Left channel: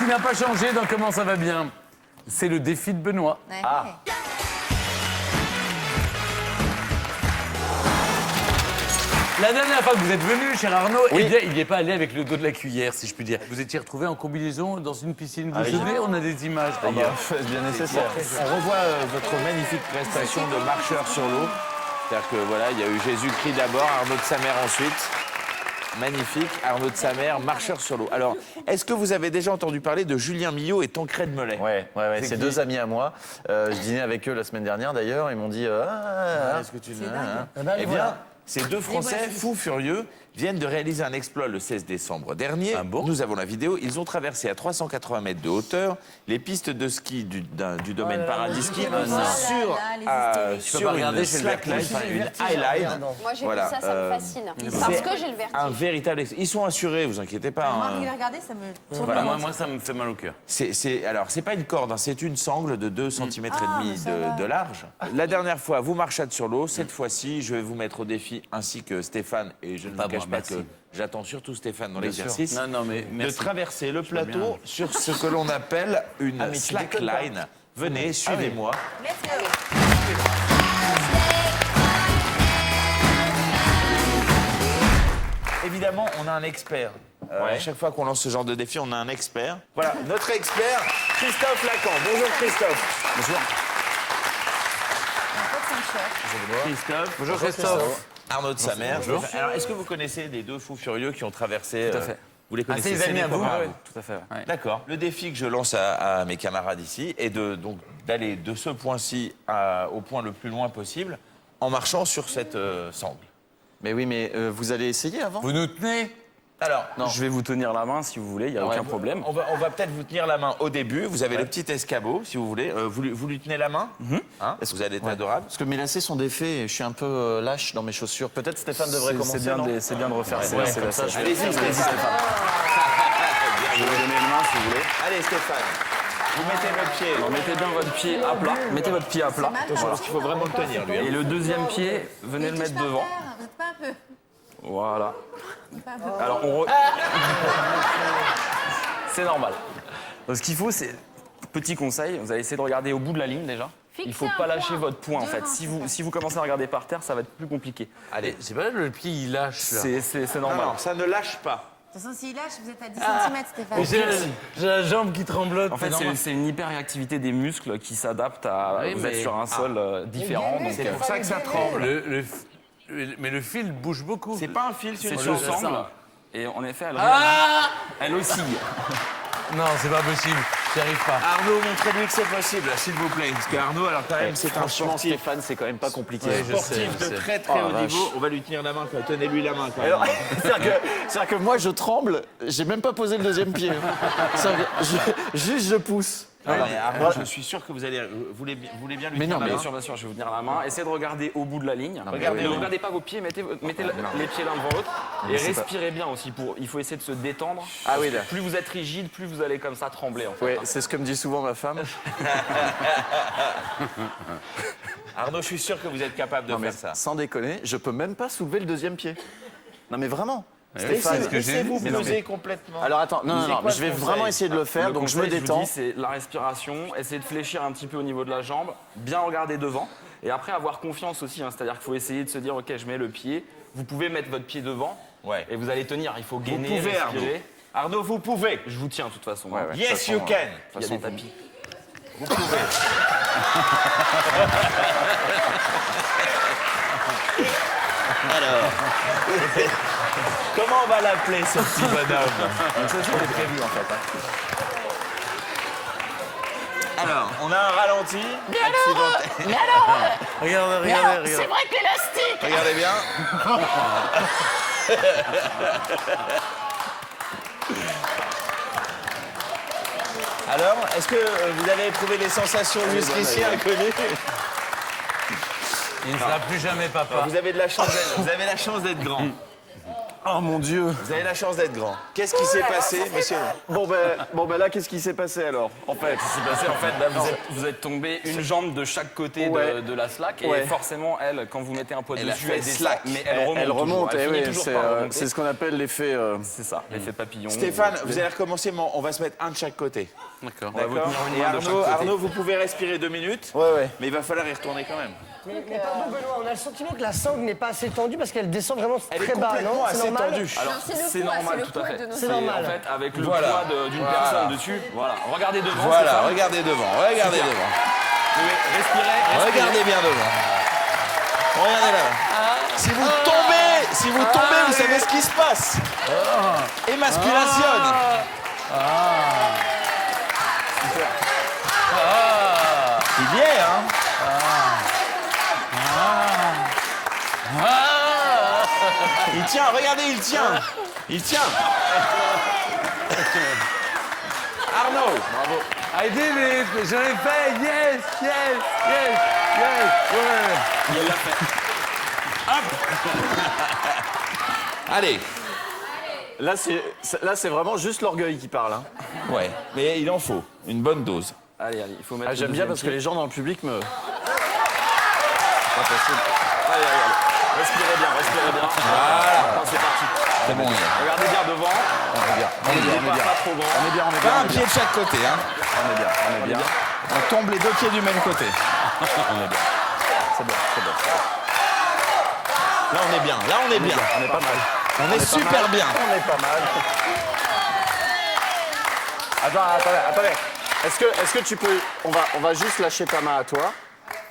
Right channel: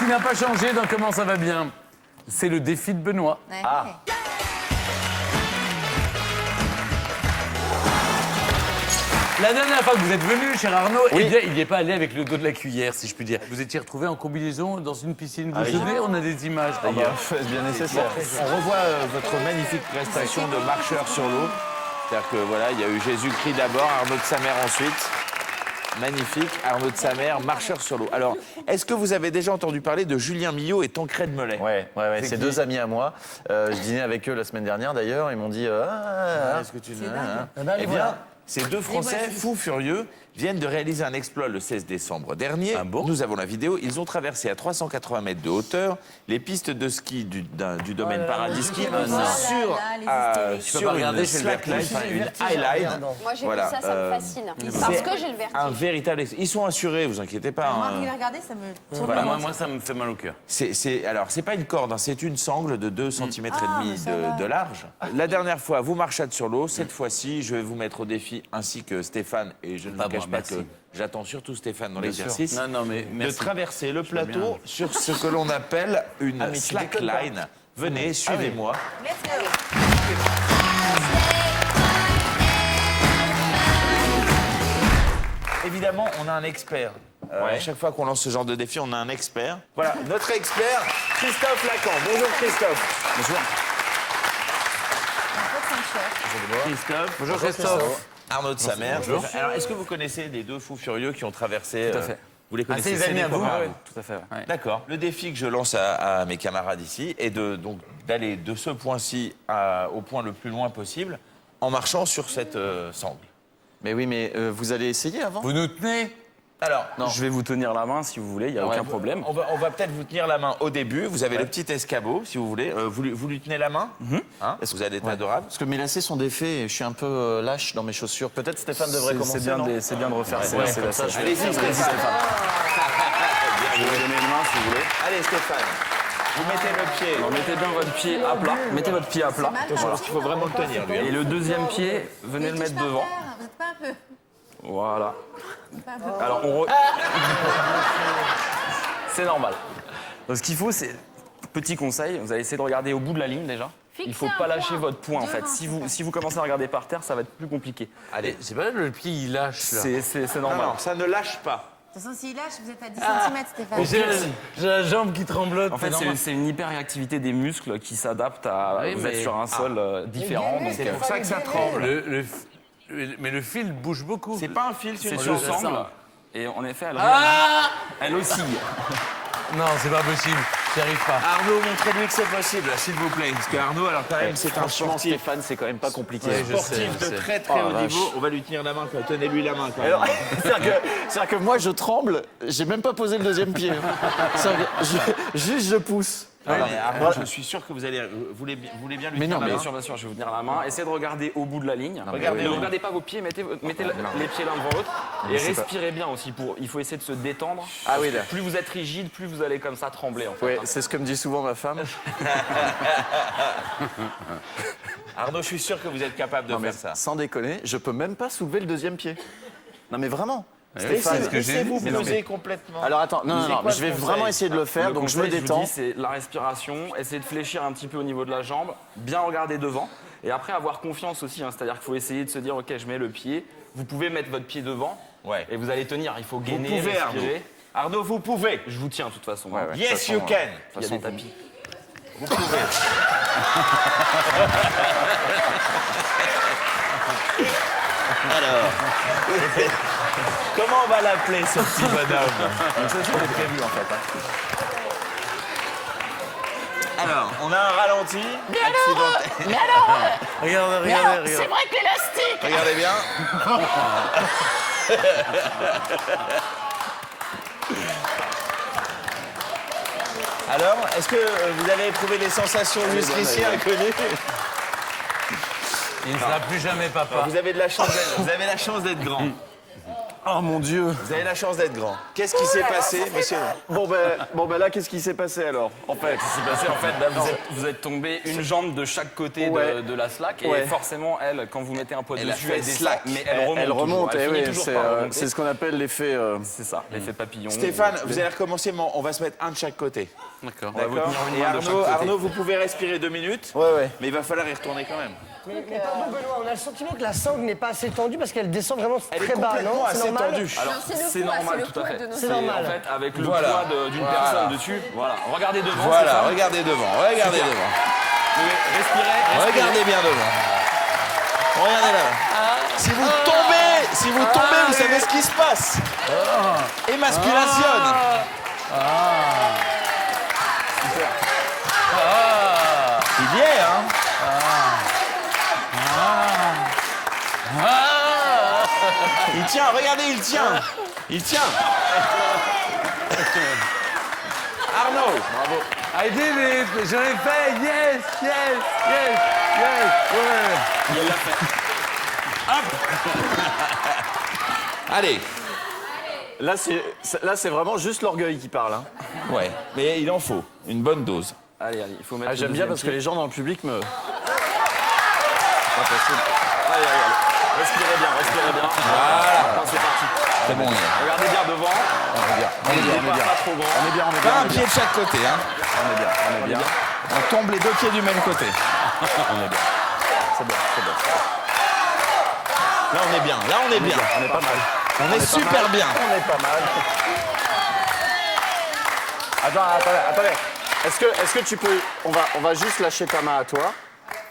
qui n'a pas changé dans Comment ça va bien, c'est le défi de Benoît. Ah. La dernière fois que vous êtes venu, cher Arnaud, eh bien, il n'est pas allé avec le dos de la cuillère, si je puis dire. Vous étiez retrouvé en combinaison dans une piscine. Vous savez, on a des images. Bien nécessaire. On revoit votre magnifique prestation de marcheur sur l'eau. C'est-à-dire que voilà, il y a eu Jésus-Christ d'abord, Arnaud de Samer ensuite. Magnifique, Arnaud de Samer, marcheur sur l'eau. Alors, est-ce que vous avez déjà entendu parler de Julien Millot et Tancred Mollet? Ouais, c'est deux amis à moi. Je dînais avec eux la semaine dernière d'ailleurs. Ils m'ont dit Est-ce que tu dis Eh bien, ces deux Français fous furieux viennent de réaliser un exploit le 16 décembre dernier. Nous avons la vidéo. Ils ont traversé à 380 mètres de hauteur les pistes de ski du domaine Paradis Ski sur une slackline, une highline. Moi, j'ai vu ça, ça me fascine. Parce que j'ai le vertige. Un véritable... Ils sont assurés, vous inquiétez pas. Regardez, ça me... Voilà, moi, ça me fait mal au cœur. Alors, c'est pas une corde, hein, c'est une sangle de 2 cm et demi de large. La dernière fois, vous marchâtes sur l'eau. Cette fois-ci, je vais vous mettre au défi, ainsi que Stéphane, et je ne vous cache pas que j'attends surtout Stéphane dans l'exercice, de traverser le plateau sur ce que l'on appelle une slackline. Venez, suivez-moi. Évidemment, on a un expert. À chaque fois qu'on lance ce genre de défi, on a un expert. Voilà, notre expert, Christophe Lacan. Bonjour Christophe. Bonjour. Christophe. Bonjour Christophe. Arnaud de Samer. Bonjour. Alors, est-ce que vous connaissez les deux fous furieux qui ont traversé... Tout à fait. Vous les connaissez? Ces amis à vous? Tout à fait. Ouais. D'accord. Le défi que je lance à mes camarades ici est d'aller de ce point-ci au point le plus loin possible en marchant sur cette sangle. Mais oui, mais vous allez essayer avant? Vous nous tenez? Alors, Je vais vous tenir la main si vous voulez, il n'y a aucun problème. On va peut-être vous tenir la main au début. Vous avez le petit escabeau, si vous voulez. Vous lui tenez la main. Est-ce que vous allez être adorable? Parce que mes lacets sont défaits et je suis un peu lâche dans mes chaussures. Peut-être Stéphane devrait commencer. C'est bien de refaire ça. Allez-y, Stéphane. Stéphane. Je vais vous donner une main si vous voulez. Allez, Stéphane. Vous mettez le pied. Mettez bien votre pied à plat. Mettez votre pied à plat. Attention, parce qu'il faut vraiment le tenir, lui. Et le deuxième pied, venez le mettre devant. Voilà. Alors, c'est normal. Donc, ce qu'il faut, c'est... Petit conseil, vous allez essayer de regarder au bout de la ligne déjà. Il ne faut pas lâcher votre poing en fait. Si vous commencez à regarder par terre, ça va être plus compliqué. Allez, C'est pas le pied, il lâche là. C'est normal. non, ça ne lâche pas. De toute façon, s'il lâche, vous êtes à 10 cm, Stéphane. J'ai la jambe qui tremblote. En fait, c'est une hyperréactivité des muscles qui s'adaptent à vous êtes sur un sol différent. Donc, C'est pour ça que ça tremble. Mais le fil bouge beaucoup. C'est pas un fil, c'est c'est une sur sangle. sangle. Et en effet, elle oscille. Non, c'est pas possible. J'y arrive pas. Arnaud, montrez-lui que c'est possible, s'il vous plaît. Parce qu'Arnaud, alors quand même, c'est un Franchement, sportif. Stéphane, c'est quand même pas compliqué. Sportif de très très haut niveau. On va lui tenir la main, quoi. Tenez-lui la main, quoi. C'est-à-dire que moi, je tremble, j'ai même pas posé le deuxième pied. Juste, je pousse. Allez, Arnaud, je suis sûr que vous voulez bien lui tenir la main. Bien sûr, je vais vous tenir la main. Essayez de regarder au bout de la ligne. Ne regardez pas vos pieds, mettez les pieds l'un devant l'autre. Et respirez bien aussi. Il faut essayer de se détendre. Ah oui, là. Plus vous êtes rigide, plus vous allez comme ça trembler. En fait. Oui, c'est ce que me dit souvent ma femme. Arnaud, je suis sûr que vous êtes capable de faire ça. Sans déconner, je peux même pas soulever le deuxième pied. Non mais vraiment. Stéphane, ce que j'ai laissez-vous dit, poser complètement. Alors attends, non, je vais vraiment essayer de le faire, Le donc je me conseil, vous détends. dis, c'est la respiration. Essayez de fléchir un petit peu au niveau de la jambe. Bien regarder devant. Et après, avoir confiance aussi. C'est-à-dire qu'il faut essayer de se dire, OK, je mets le pied. Vous pouvez mettre votre pied devant. Ouais. Et vous allez tenir. Il faut gainer, Vous pouvez, respirer. Arnaud, vous pouvez. Je vous tiens de toute façon. Yes, you can. Il y a des tapis. Vous pouvez. Alors, comment on va l'appeler ce petit bonhomme? C'est ce qu'on a prévu en fait. Alors, on a un ralenti. Mais alors, Regardez. c'est vrai que l'élastique. Regardez bien. Alors, est-ce que vous avez éprouvé des sensations jusqu'ici inconnues? Il ne sera plus jamais papa. Vous avez la chance d'être grand. Oh mon Dieu. Vous avez la chance d'être grand. Qu'est-ce qui s'est passé, monsieur? Bon ben là, qu'est-ce qui s'est passé alors? En fait, C'est passé, en fait, vous êtes tombé une jambe de chaque côté Ouais. de la slack. Et Ouais. forcément, elle, quand vous mettez un poids Elle a dessus, fait elle descend. slack. Mais elle remonte, Elle et finit oui, toujours par remonter. c'est ce qu'on appelle l'effet. C'est ça, l'effet papillon. Stéphane, vous allez recommencer, mais on va se mettre un de chaque côté. D'accord. D'accord. Et Arnaud, vous pouvez respirer 2 minutes. Ouais. Mais il va falloir y retourner quand même. Mais pardon, Benoît, on a le sentiment que la sangle n'est pas assez tendue parce qu'elle descend vraiment Elle est très bas, non? complètement C'est assez normal. tendue. Alors, c'est le c'est poids, normal, c'est le tout à poids fait. de nos C'est normal. En fait, avec le Voilà. poids d'une personne dessus. Voilà. Regardez devant. Voilà, Stéphane. regardez devant, regardez devant. Respirez. Regardez bien devant. Regardez là. Si vous tombez, vous savez ce qui se passe. Émaspiration. C'est bien, hein? Il tient, regardez, il tient. Il tient. Arnaud, bravo. I did it, je l'ai fait, yes, yes, yes, yes, ouais. Allez. Là, c'est vraiment juste l'orgueil qui parle. Hein. Ouais, mais il en faut une bonne dose. Allez, il faut mettre. Ah, j'aime bien parce que les gens dans le public me. Respirez bien, respirez bien. Voilà. C'est parti. C'est bon. Regardez bien devant. On est bien, on est bien. Pas trop grand. Pas un pied de chaque côté, hein. On est bien. On tombe les 2 pieds du même côté. On est bien. C'est bon, c'est bon. Là, on est bien. Là, on est bien. On est pas mal. On est super bien. On est pas mal. Attendez. Est-ce que tu peux. On va juste lâcher ta main à toi.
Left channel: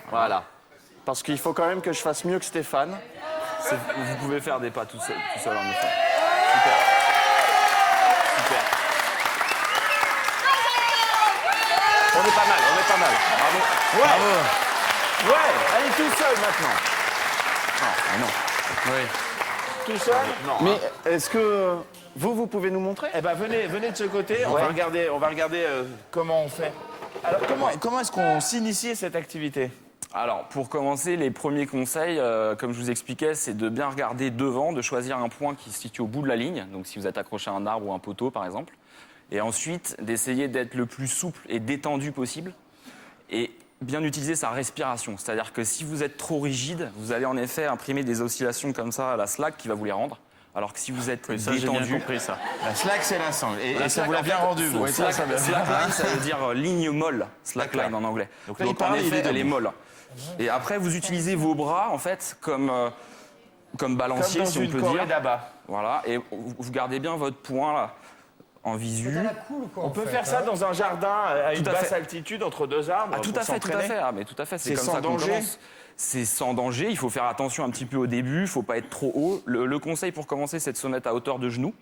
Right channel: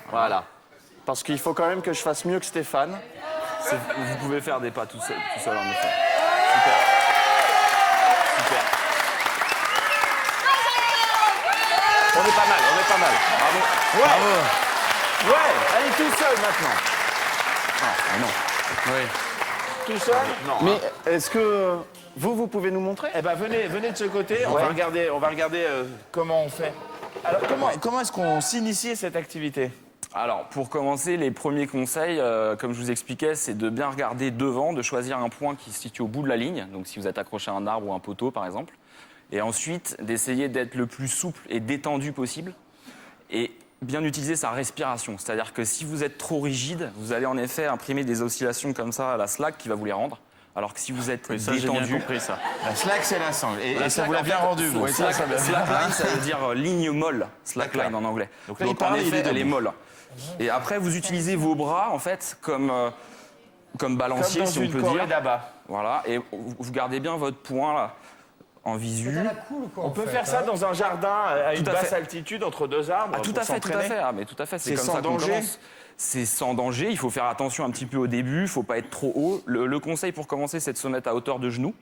Voilà. Parce qu'il faut quand même que je fasse mieux que Stéphane. Vous pouvez faire des pas tout seul en effet. On est pas mal. Ouais, allez tout seul maintenant. Tout seul? Non. Mais est-ce que vous pouvez nous montrer? Eh ben, venez de ce côté. On va regarder comment on fait. Alors, comment est-ce qu'on s'initie à cette activité? Alors, pour commencer, les premiers conseils, comme je vous expliquais, c'est de bien regarder devant, de choisir un point qui se situe au bout de la ligne. Donc, si vous êtes accroché à un arbre ou un poteau, par exemple. Et ensuite, d'essayer d'être le plus souple et détendu possible. Et bien utiliser sa respiration. C'est-à-dire que si vous êtes trop rigide, vous allez en effet imprimer des oscillations comme ça à la slack qui va vous les rendre. Alors que si vous êtes Ça, j'ai bien détendu, compris ça. La slack, c'est la sangle. Et ça vous l'a bien rendu, vous. slackline, ça veut dire ligne molle, slackline en anglais. Donc là, il en parle, effet, il est elle est molle. Et après, vous utilisez vos bras en fait comme balancier, si on peut dire. là-bas. Voilà, et vous gardez bien votre poing là en visu. On peut faire ça dans un jardin à une Tout à basse fait. altitude entre 2 arbres. Ah, tout pour à fait, tout à s'entraîner. fait. Ah, mais tout à fait, c'est C'est comme sans ça qu'on danger. commence. C'est sans danger, il faut faire attention un petit peu au début, il faut pas être trop haut. Le conseil pour commencer, c'est de se mettre à hauteur de genou.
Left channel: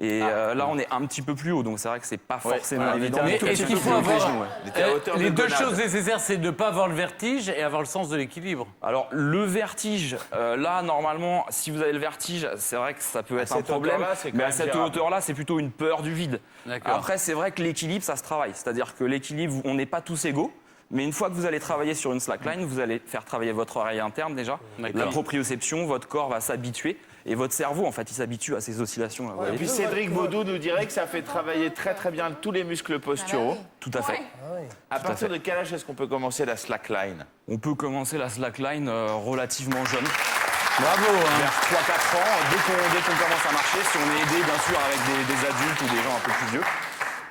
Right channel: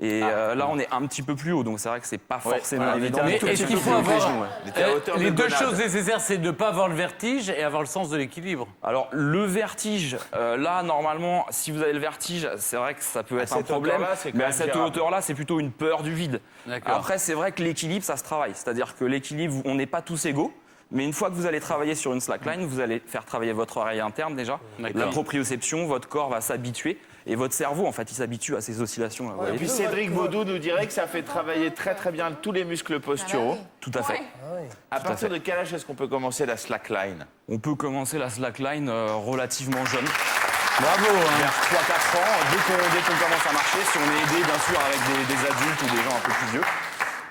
Et là, on est un petit peu plus haut, donc c'est vrai que c'est pas forcément évident. Mais est-ce qu'il faut avoir. était à hauteur Les de deux Gonade. choses nécessaires, c'est de ne pas avoir le vertige et avoir le sens de l'équilibre. Alors, le vertige, là, normalement, si vous avez le vertige, c'est vrai que ça peut être un cette problème. hauteur-là, c'est quand Mais à même cette gérable. hauteur-là, c'est plutôt une peur du vide. D'accord. Après, c'est vrai que l'équilibre, ça se travaille. C'est-à-dire que l'équilibre, on n'est pas tous égaux. Mais une fois que vous allez travailler sur une slackline, vous allez faire travailler votre oreille interne déjà. La proprioception, votre corps va s'habituer. Et votre cerveau, en fait, il s'habitue à ces oscillations. Et puis Cédric Baudou nous dirait que ça fait travailler très très bien tous les muscles posturaux. Tout à fait. À partir de quel âge est-ce qu'on peut commencer la slackline? On peut commencer la slackline relativement jeune. Bravo. Vers 3-4 ans, dès qu'on commence à marcher, si on est aidé bien sûr avec des adultes ou des gens un peu plus vieux,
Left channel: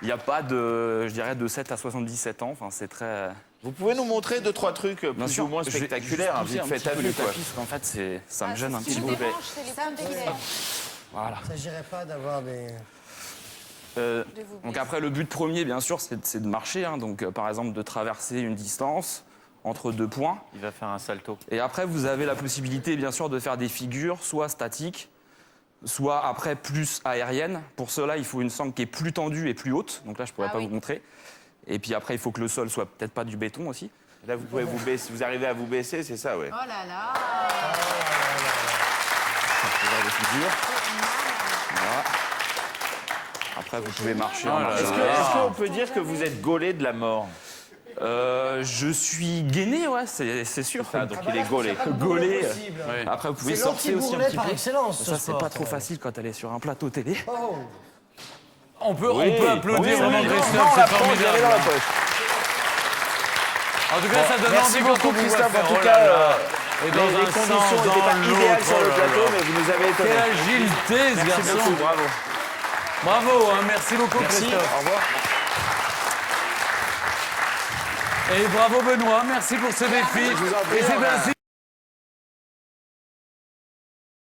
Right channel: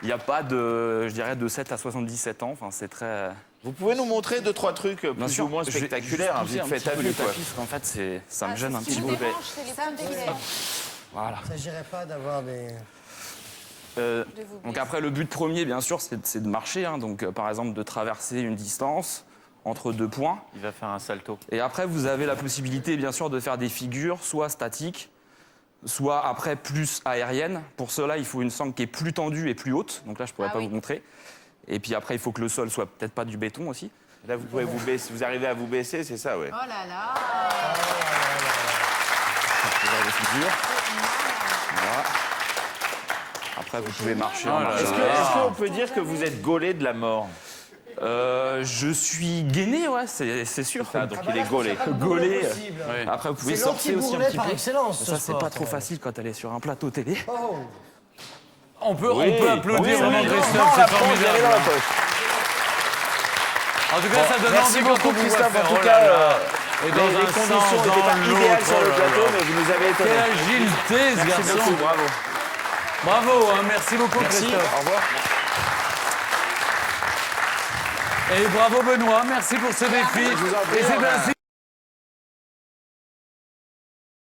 il n'y a pas de, je dirais, de 7 à 77 ans. Enfin, c'est très. Vous pouvez nous montrer 2-3 trucs Bien plus sûr, ou moins je vais spectaculaires, juste vite pousser fait, un t'as petit peu vu le quoi. tapis, parce qu'en fait, ça me gêne un petit Je peu. les dérange, c'est les Ça, points on de est Voilà. Ça n'irait pas d'avoir des. Donc après, le but premier, bien sûr, c'est de marcher. Hein. Donc, par exemple, de traverser une distance entre 2 points. Il va faire un salto. Et après, vous avez la possibilité, bien sûr, de faire des figures, soit statiques, soit après plus aériennes. Pour cela, il faut une sangle qui est plus tendue et plus haute. Donc là, je pourrais pas vous montrer. Et puis après, il faut que le sol soit peut-être pas du béton aussi. Là, vous pouvez vous baisser, vous arrivez à vous baisser, c'est ça, ouais. Oh là là. Des figures. Voilà. Après, vous pouvez marcher. Est-ce qu'on peut dire que vous êtes gaulé de la mort? Je suis gainé, ouais, c'est sûr. Donc il est gaulé. Gaulé. Possible. Après, vous pouvez C'est sortir aussi un l'anti-bourrelet petit par peu. excellence. Ça, c'est pas trop facile quand elle est sur un plateau télé. Oh. On peut applaudir vraiment Non, Christophe, la c'est poche, je l'avais formidable. dans la poche. En tout cas, ça donne Merci envie quand beaucoup on vous voit Christophe. faire. En tout Oh cas, là là. Et dans Les un conditions sens, n'étaient pas dans idéales l'autre, sur le oh là plateau, là. mais vous avez été Quelle agilité, ce garçon. Bravo. Bravo, hein, merci beaucoup Merci. Christophe. Au revoir. Et bravo Benoît, merci pour ce défi. vous en prie, Et c'est on va- ainsi